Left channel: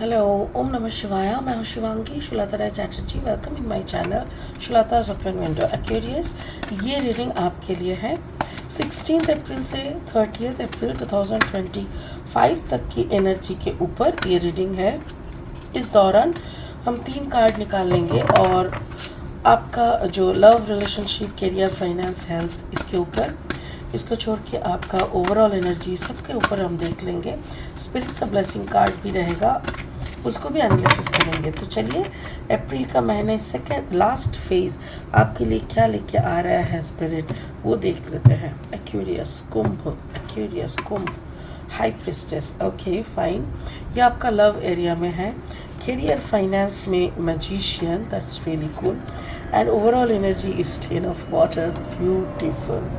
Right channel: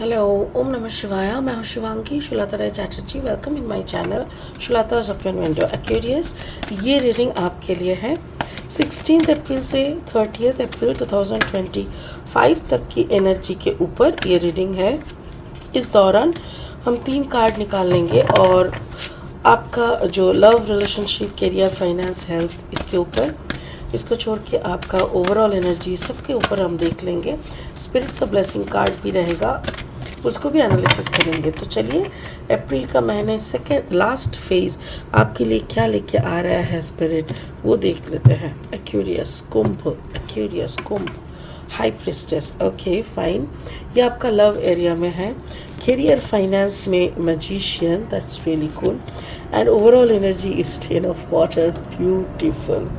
Hello, ओम नमः शिवाय। मैं हूँ Shivangi Shulata Rai Chatterjee. Welcome in my channel Shulata's open window Aquarius. ये रीडिंग आपके लिए है 16 अप्रैल से 30 अप्रैल 2025 तक की एनर्जी के ऊपर ये रीडिंग है। इस दौरान हम 3 कार्ड निकाल लेंगे और आपका जो love, relationship, career, finance, health, इसके ऊपर, इसको छोड़ के आपका ओवरऑल एनर्जी सबके ऊपर हम देख लेंगे। स्पिरिट का ब्लेसिंग कार्ड भी रहेगा, उसको भी एनालिसिस करेंगे। तो चलिए, अप्रैल का महीने सेकेंड लास्ट फेज आपके लिए क्या लेके आ रहा है स्पिरिट, वो देख लेते हैं। एक्वेरियस कुंभ, एक्वेरियस कुंभ, हाई प्रिस्टेस। ओके फाइन, ये आपका लव एरिया में है। करियर फाइनेंस में magician, that's really cool. And overall energy is 10 of water, beautiful.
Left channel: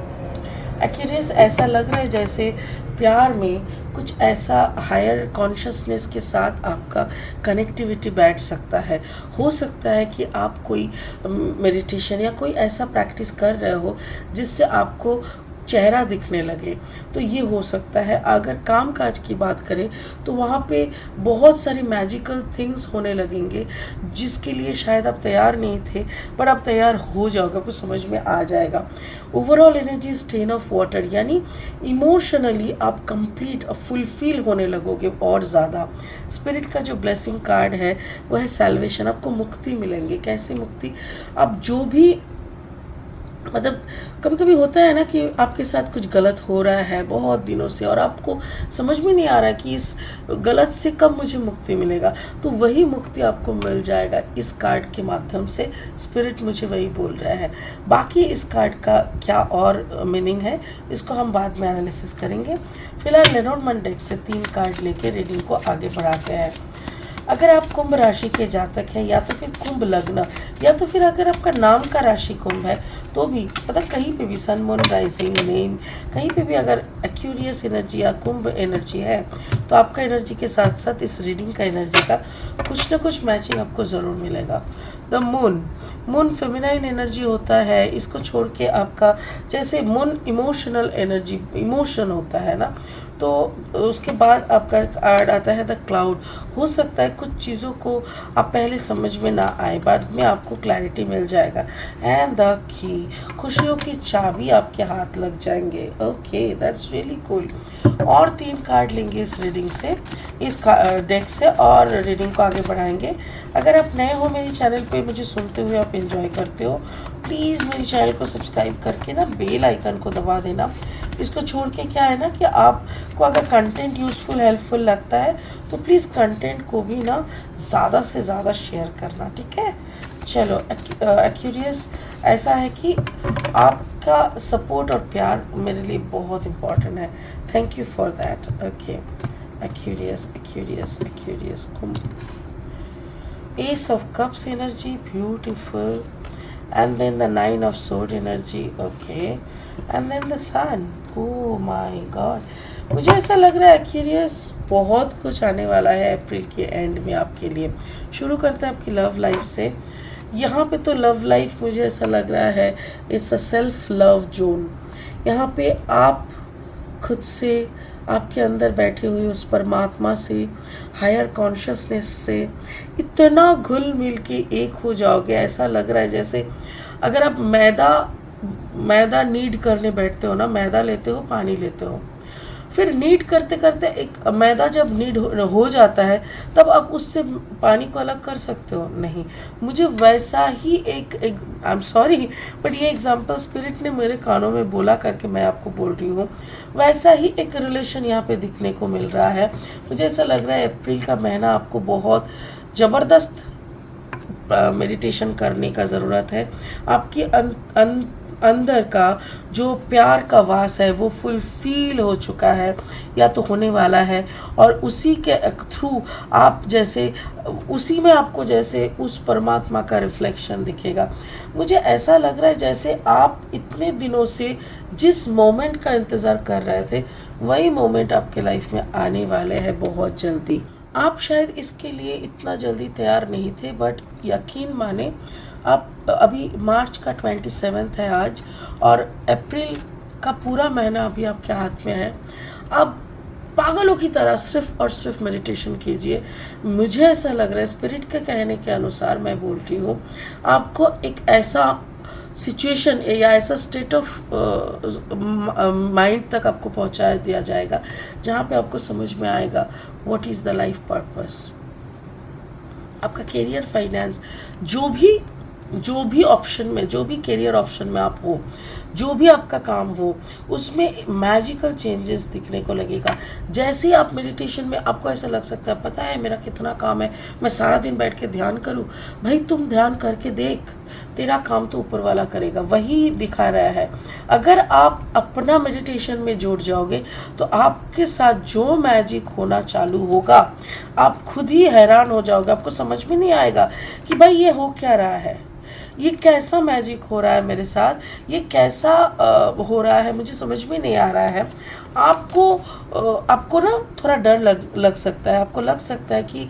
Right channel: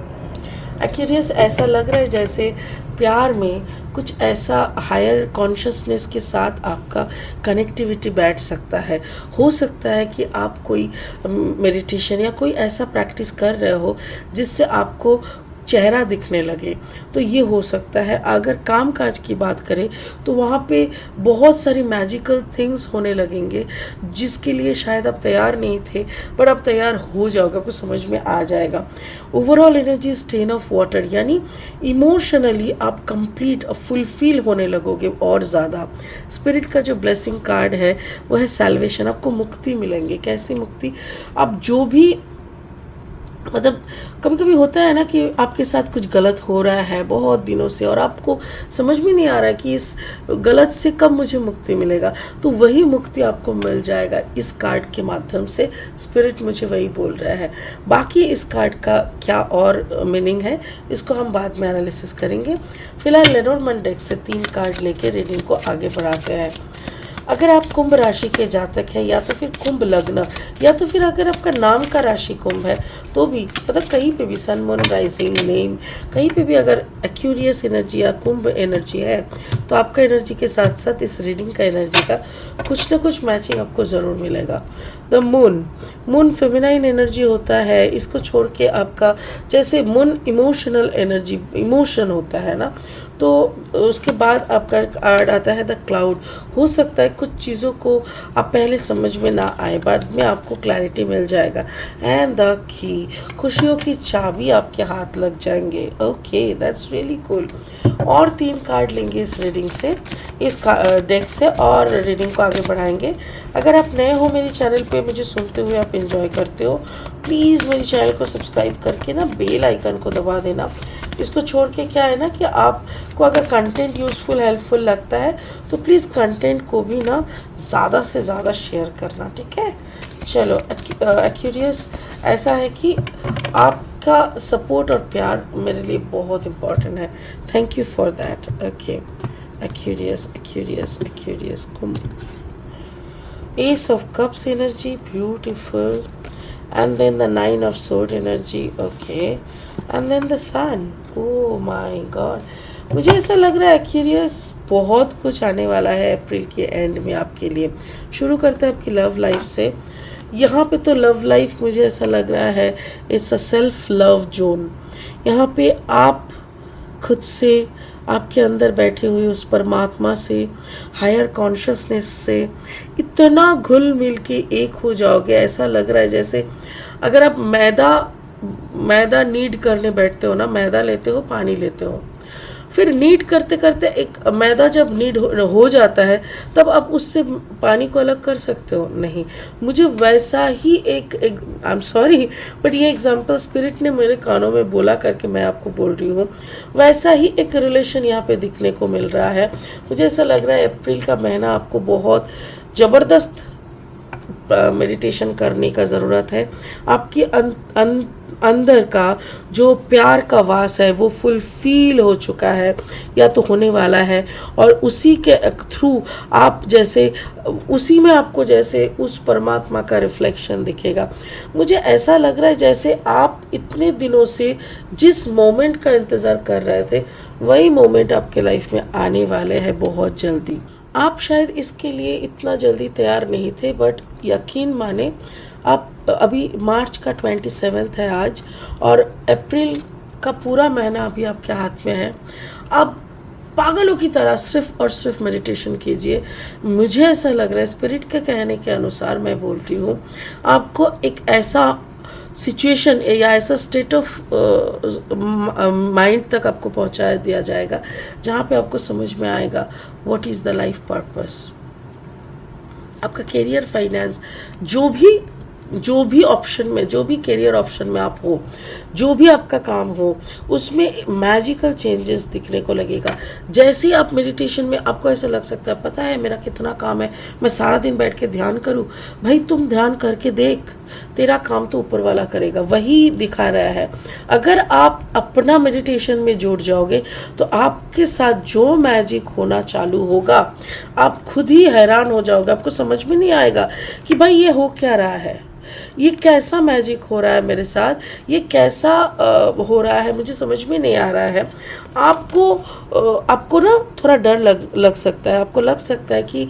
Aquarius, ऐसा लग रहा है जैसे प्यार में कुछ ऐसा हायर कॉन्शियसनेस के साथ आपका कनेक्टिविटी बैठ सकता है। हो सकता है कि आप कोई मेडिटेशन या कोई ऐसा प्रैक्टिस कर रहे हो जिससे आपको चेहरा दिखने लगे, तो ये हो सकता है। अगर काम काज की बात करें तो वहाँ पे बहुत सारी मैजिकल थिंग्स होने लगेंगे जिसके लिए शायद आप तैयार नहीं थे, बट आप तैयार हो जाओगे, आपको समझ में आ जाएगा। Overall energy is 10 of water, यानी इमोशनली आप कंप्लीट फुलफिल होने लगोगे और ज़्यादा। स्पिरिट का जो ब्लेसिंग कार्ड है वो है सैल्वेशन। आपको मुक्ति मिलेंगे। कैसी मुक्ति? आप जो भी, मतलब कभी कभी होता है ना कि आपके साथ कुछ गलत हो रहा है बहुत दिनों से और आपको समझ में नहीं आ रहा कि इस गलत से कब मुझे मुक्ति मिलेगा, तो वही मुक्ति आपको मिल जाएगा इस कार्ड के माध्यम से। स्पिरिट मुझे वही बोल रहा है। बाकी इस कार्ड का क्या और मीनिंग है, इसको हम बाद में एनालिसिस करेंगे। फिलहाल लेनोर्मन डेक से 3 कार्ड लेके रीडिंग को आगे बढ़ाते हैं। अगर आप कुंभ राशि के जातक हैं, या तो फिर कुंभ लग्न, या तो फिर अगर आपका नाम का राशि कुंभ है, तो भी मतलब कहीं पे भी सन, मून, राइजिंग, नेम, कहीं पे भी अगर एक्वेरियस एनर्जी या कुंभ एनर्जी है, तो आपका एनर्जी के साथ साथ इस रीडिंग का एनर्जी का कुछ ना कुछ मैचिंग आपको ज़रूर मिलेगा। The moon, moon feminine energy होता है। इसको छोड़ के आपका, जैसे मून इमोशनल एनर्जी, इमोशन होता है ना, तो उसके बाद आपका कार्ड आता है द क्लाउड। हो सकता है कुछ चीज़ों को आप पहले समझ में ना आए, बाद में आपको क्लैरिटी मिल जाएगा। एंड द की, खुशियों की चाबी आपके हाथ लग जाएंगे। Okay, that's really cool. और 3 कार्ड लेंगे इस रीडिंग से, इस डेक से, और रीडिंग को आगे बढ़ाएंगे। अगर आप नए हो मेरे चैनल पे, मुझे सुनते हुए आप एंजॉय करते हो, प्लीज़ मेरे चैनल को सब्सक्राइब करके ना बेल आइकन को दबा देना। इसको छोड़ के क्या है ना कि आपको अगर कंटेंट यूज़फुल, हेल्पफुल लगता है तो प्लीज़ कंटेंट को भी ना ज़्यादा से ज़्यादा शेयर करना, ठीक है। चलो, एक्वेरियस, ऐसा है कि आपका सपोर्ट और प्यार मेरे लिए बहुत इम्पोर्टेंट है। Thank you for that. Okay, Aquarius, Aquarius, Aquarius Kumbh, S of cups energy, beautiful. And then the 9 of sword energy, okay, and then the sun. Oh my god, मुझे ऐसा लग रहा है एक्वेरियस बहुत कुछ आने वाला है अप्रैल के एंड में आपके लिए। शुरू करते हैं आपकी लव लाइफ से। यहाँ पे तो लव लाइफ मुझे ऐसा लग रहा है it's a self love zone. यहाँ पे आप खुद से, आपके अंदर बैठे हुए उस परमात्मा से, हायर कॉन्शियसनेस से इतना घुल मिल के एक हो जाओगे। ऐसा लग रहा है जैसे अगर आप मैदा नीड करने बैठते हो ना, मैदा लेते हो, पानी लेते हो, फिर नीड करते करते एक मैदा जब नीड हो जाता है, तब आप उससे पानी को अलग कर सकते हो? नहीं। मुझे वैसा ही एक आई एम सॉरी, बट ये एग्जांपल स्पिरिट ने मेरे कानों में बोला करके मैं आपको बोल रही हूँ। वैसा ही एक रिलेशन यहाँ पे दिखने को मिल रहा है। मुझे ऐसा लग रहा है अप्रैल का महीना आपको बहुत ज़बरदस्त मेडिटेशन करने का ज़रूरत है। आपकी अंदर का जो प्यार का वास है वो फुलफिल हो चुका है या तो होने वाला है, और उसी के थ्रू आप जैसे, उसी में आपको जैसे उस परमात्मा का रिफ्लेक्शन दिखेगा। मुझे ऐसा लग रहा है जैसे आप इतने दिनों से जिस मोमेंट का इंतज़ार कर रहे थे, वही मोमेंट आपके लाइफ में आने वाले हैं बहुत जल्दी। आप शायद इसके लिए इतना जल्दी तैयार नहीं थे, बट यकीन माने आप अभी मार्च का 27 है आज, और अप्रैल का पूरा महीना अभी आपके हाथ में है। अब पागलों की तरह सिर्फ और सिर्फ मेडिटेशन कीजिए। मुझे ऐसा लग रहा है, स्पिरिट के कहने के अनुसार मैं बोल रही हूँ, आपको एक ऐसा सिचुएशन या ऐसा स्टेट ऑफ माइंड तक आपको पहुंचा दिया जाएगा जहाँ पे आपको समझ में आएगा what is the life purpose. आपका करियर, फाइनेंस, जो भी ऑप्शन में, जो भी करियर ऑप्शन में आप हो, जो भी आपका काम हो, उसमें मैजिकल चेंजेस दिखने को लगेगा। जैसे ही आप मेडिटेशन में, आपको ऐसा लग सकता है पता है मेरा कितना काम है, मैं सारा दिन बैठ के ध्यान करूं। भाई तुम ध्यान करके देख, तेरा काम तो ऊपर वाला करेगा, वही दिखा रहा है। अगर आप अपना मेडिटेशन में जुड़ जाओगे तो आपके साथ जो मैजिक होना चालू होगा, आप खुद ही हैरान हो जाओगे। आपको समझ में नहीं आएगा कि भाई ये हो क्या रहा है, ये कैसा मैजिक हो रहा है मेरे साथ, ये कैसा हो रहा है, मुझे समझ में नहीं आ रहा है। आपको ना थोड़ा डर लग सकता है, आपको लग सकता है कि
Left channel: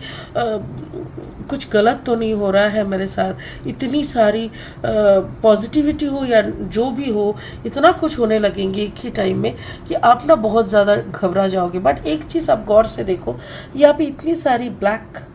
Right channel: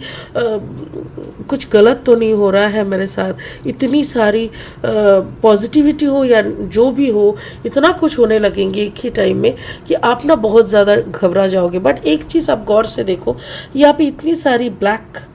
कुछ गलत तो नहीं हो रहा है मेरे साथ। इतनी सारी पॉजिटिविटी हो या जो भी हो, इतना कुछ होने लगेंगे एक ही टाइम में कि आप ना बहुत ज़्यादा घबरा जाओगे। बट एक चीज़ आप गौर से देखो, यहाँ पे इतनी सारी ब्लैक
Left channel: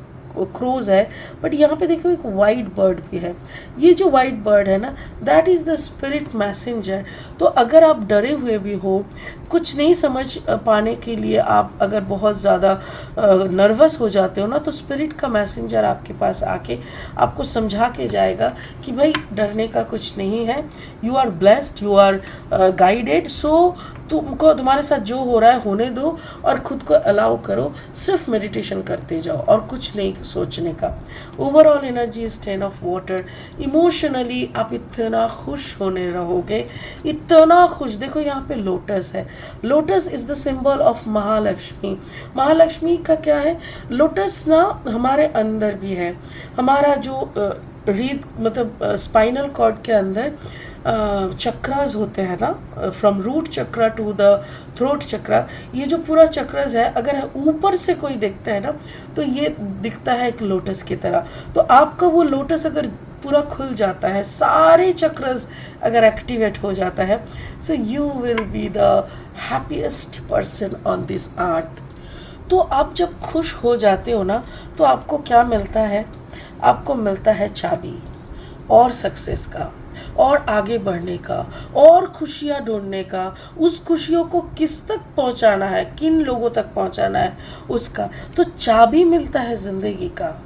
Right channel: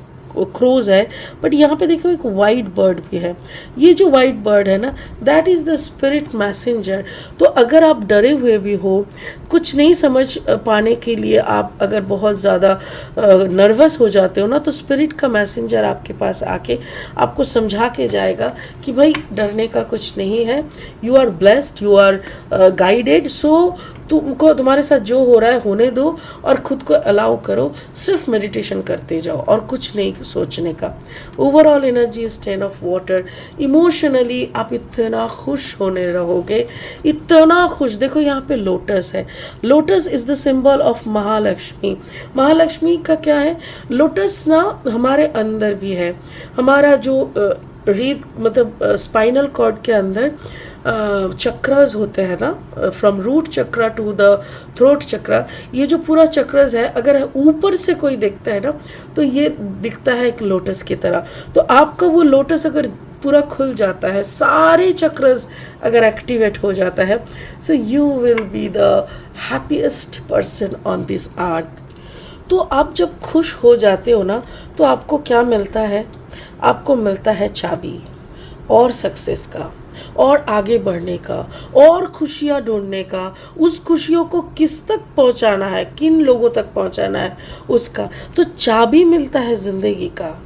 क्रोज है, बट यहाँ पे देखो एक वाइट बर्ड भी है। ये जो वाइट बर्ड है ना, that is the spirit messenger. तो अगर आप डरे हुए भी हो, कुछ नहीं समझ पाने के लिए आप अगर बहुत ज़्यादा नर्वस हो जाते हो ना, तो स्पिरिट का मैसेंजर आपके पास आके आपको समझा के जाएगा कि भाई डरने का कुछ नहीं है, you are blessed, you are guided. So तुमको तुम्हारे साथ जो हो रहा है होने दो और खुद को अलाउ करो, सिर्फ मेडिटेशन करते जाओ और कुछ नहीं सोचने का। Overall energy is 10 of water. Emotionally आप इतना खुश होने रहोगे, इतना खुश। देखो यहाँ पे लोटस है, lotus is the symbol of Mahalakshmi. Mahalakshmi का क्या है, लोटस ना हमारे अंदर भी है। हमारा जो रीढ़ मतलब स्पाइनल कॉर्ड के अंदर चक्रास होते हैं ना, from root chakra to the throat chakra, ये जो पूरा चक्रास है, अगर ऊपर से कोई देखता है ना तो ये दिखता है एक लोटस की तरह। तो आपका वो लोटस अगर पूरा खुल जाता है, सारे चक्रास अगर एक्टिवेट हो जाता है, so you will be the happiest person on this earth. तो आप जब खुश हो जाते हो ना, तो आपको क्या मिलता है, आपको मिलता है चाबी और सक्सेस का, और आगे बढ़ने का, और खुशियाँ ढूंढने का। उस खुशियों को किस तक पहुँचाना है, किन लोगों तक पहुँचाना है उसका। तो चाबी मिलता है ज़िंदगी का,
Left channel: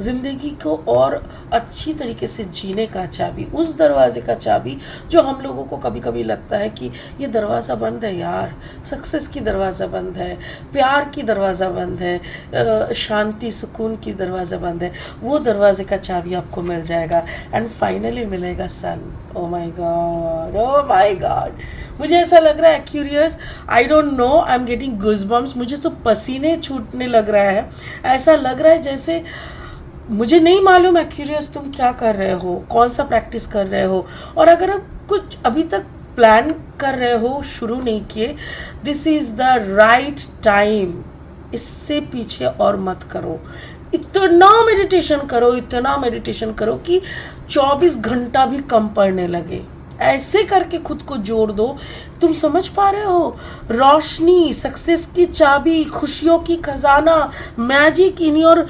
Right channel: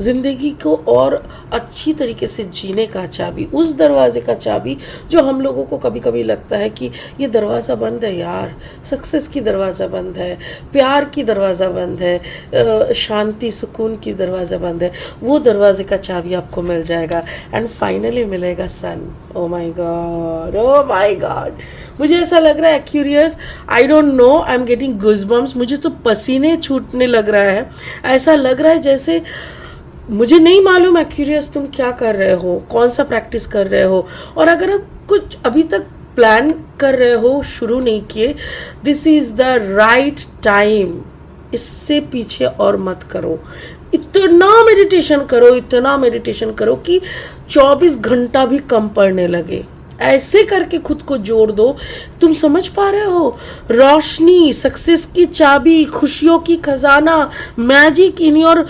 ज़िंदगी को और अच्छी तरीके से जीने का चाबी, उस दरवाजे का चाबी जो हम लोगों को कभी कभी लगता है कि ये दरवाज़ा बंद है यार, सक्सेस की दरवाज़ा बंद है, प्यार की दरवाज़ा बंद है, शांति सुकून की दरवाज़ा बंद है। वो दरवाजे का चाबी आपको मिल जाएगा एंड फाइनली मिलेगा sun. Oh my god, oh my god, मुझे ऐसा लग रहा है Aquarius, I don't know, I am getting goosebumps. मुझे तो पसीने छूटने लग रहा है। ऐसा लग रहा है जैसे, मुझे नहीं मालूम है क्यूरियस तुम क्या कर रहे हो, कौन सा प्रैक्टिस कर रहे हो, और अगर आप कुछ अभी तक प्लान कर रहे हो, शुरू नहीं किए, this is the right time. इससे पीछे और मत करो। इतना मेडिटेशन करो, इतना मेडिटेशन करो कि 24 घंटा भी कम पड़ने लगे। ऐसे करके खुद को जोड़ दो। तुम समझ पा रहे हो, रोशनी, सक्सेस की चाबी, खुशियों की खजाना, मैजिक इन योर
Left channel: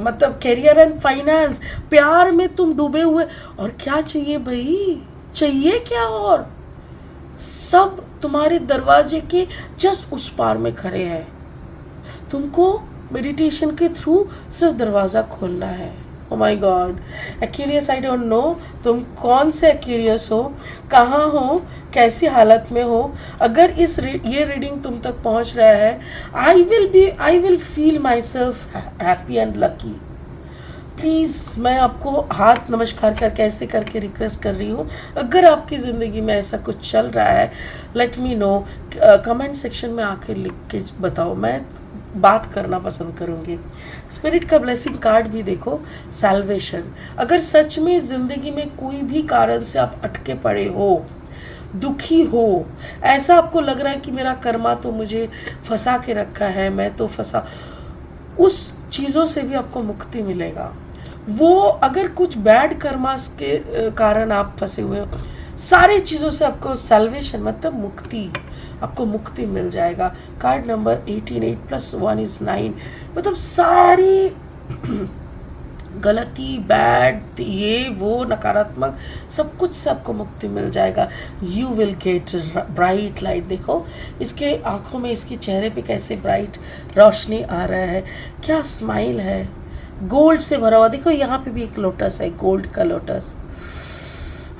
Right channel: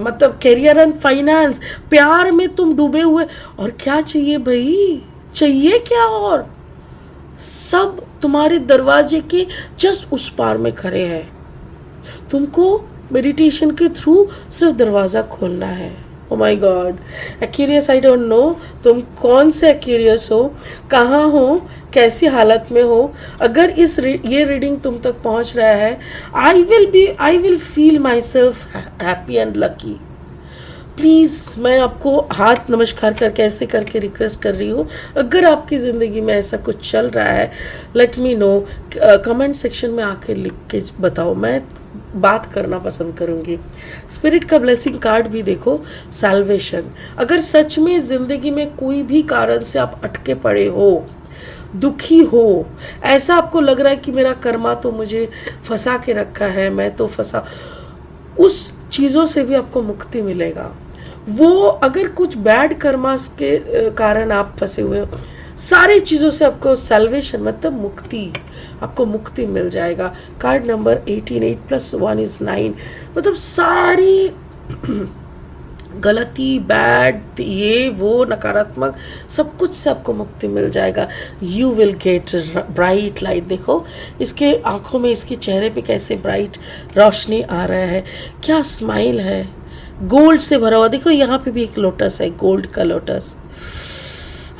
मतलब करियर एंड फाइनेंस, प्यार में तुम डूबे हुए। और क्या चाहिए भाई, चाहिए क्या, और सब तुम्हारे दरवाजे के जस्ट उस पार में खड़े हैं। तुमको मेडिटेशन के थ्रू सिर्फ दरवाज़ा खोलना है। Oh my god, Aquarius, I don't know तुम कौन से एक्यूरियस हो, कहाँ हो, कैसी हालत में हो। अगर ये रीडिंग तुम तक पहुँच रहा है, I will feel my self happy and lucky. Please मैं आपको हाथ नमस्कार करके ऐसे करके रिक्वेस्ट कर रही हूँ, अगर आपकी ज़िंदगी में ऐसा कुछ चल रहा है, let me know, comment section में आके लिख के बताओ, मैं बात करना पसंद करूँगी। स्पिरिट का ब्लेसिंग कार्ड भी देखो, सैल्वेशन। अगर सच में ज़िंदगी में कोई भी कारण से आप अटके पड़े हो, दुखी हो, ऐसा आपको लग रहा है कि मेरा कर्मा तो मुझे फंसा के रखा है, मैं तो फंसा, उस चीज़ों से भी आपको मुक्ति मिलेगा। वो अगर कुछ बैड कर्मास के कारण आप फंसे हुए हो, सारी चीज़ों से आपको सैल्वेशन मतलब मुक्ति, आपको मुक्ति मिल जाएगा। कार्ड नंबर 18, 8 + 1 = 9, मतलब सारी गलती, बैड, ये वो नकारात्मक सब कुछ से आपको मुक्ति मिल जाएगा। You will get bright light. देखो इसके आंखों में, इसके चेहरे पे कैसे ब्राइट रोशनी आ रहा है, क्या स्माइल है, गोल्ड से भरा हुआ। देखो यहाँ पे भी एक लोटस है, गोल्ड का lotus.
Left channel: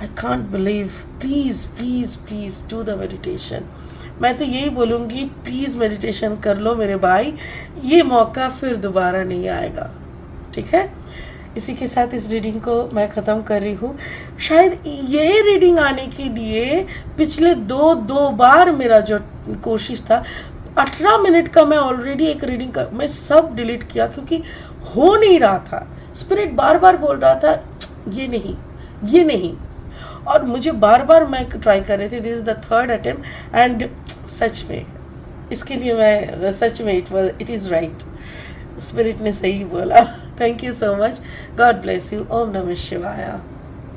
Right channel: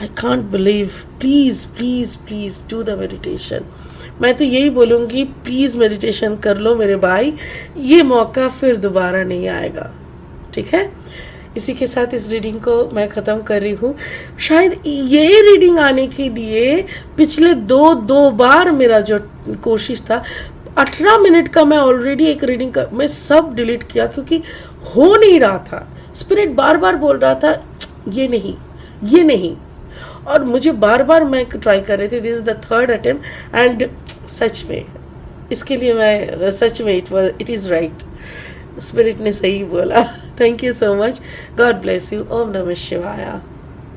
I can't believe. Please please please do the meditation. मैं तो यही बोलूँगी, प्लीज़ मेडिटेशन कर लो मेरे भाई, ये मौका फिर दोबारा नहीं आएगा। ठीक है, इसी के साथ इस रीडिंग को मैं ख़त्म कर रही हूँ। शायद ये रीडिंग आने के लिए पिछले दो बार मेरा जो कोशिश था, 18 मिनट का मैं ऑलरेडी एक रीडिंग का मैं सब डिलीट किया, क्योंकि हो नहीं रहा था। स्पिरिट बार बार बोल रहा था ये नहीं, ये नहीं, और मुझे बार बार मैं ट्राई कर रही थी। This is the 3rd attempt and such में इसके लिए मैं सच में इट इज़ राइट, स्पिरिट ने सही बोला। Thank you so much, god bless you. ओम नमः शिवाय।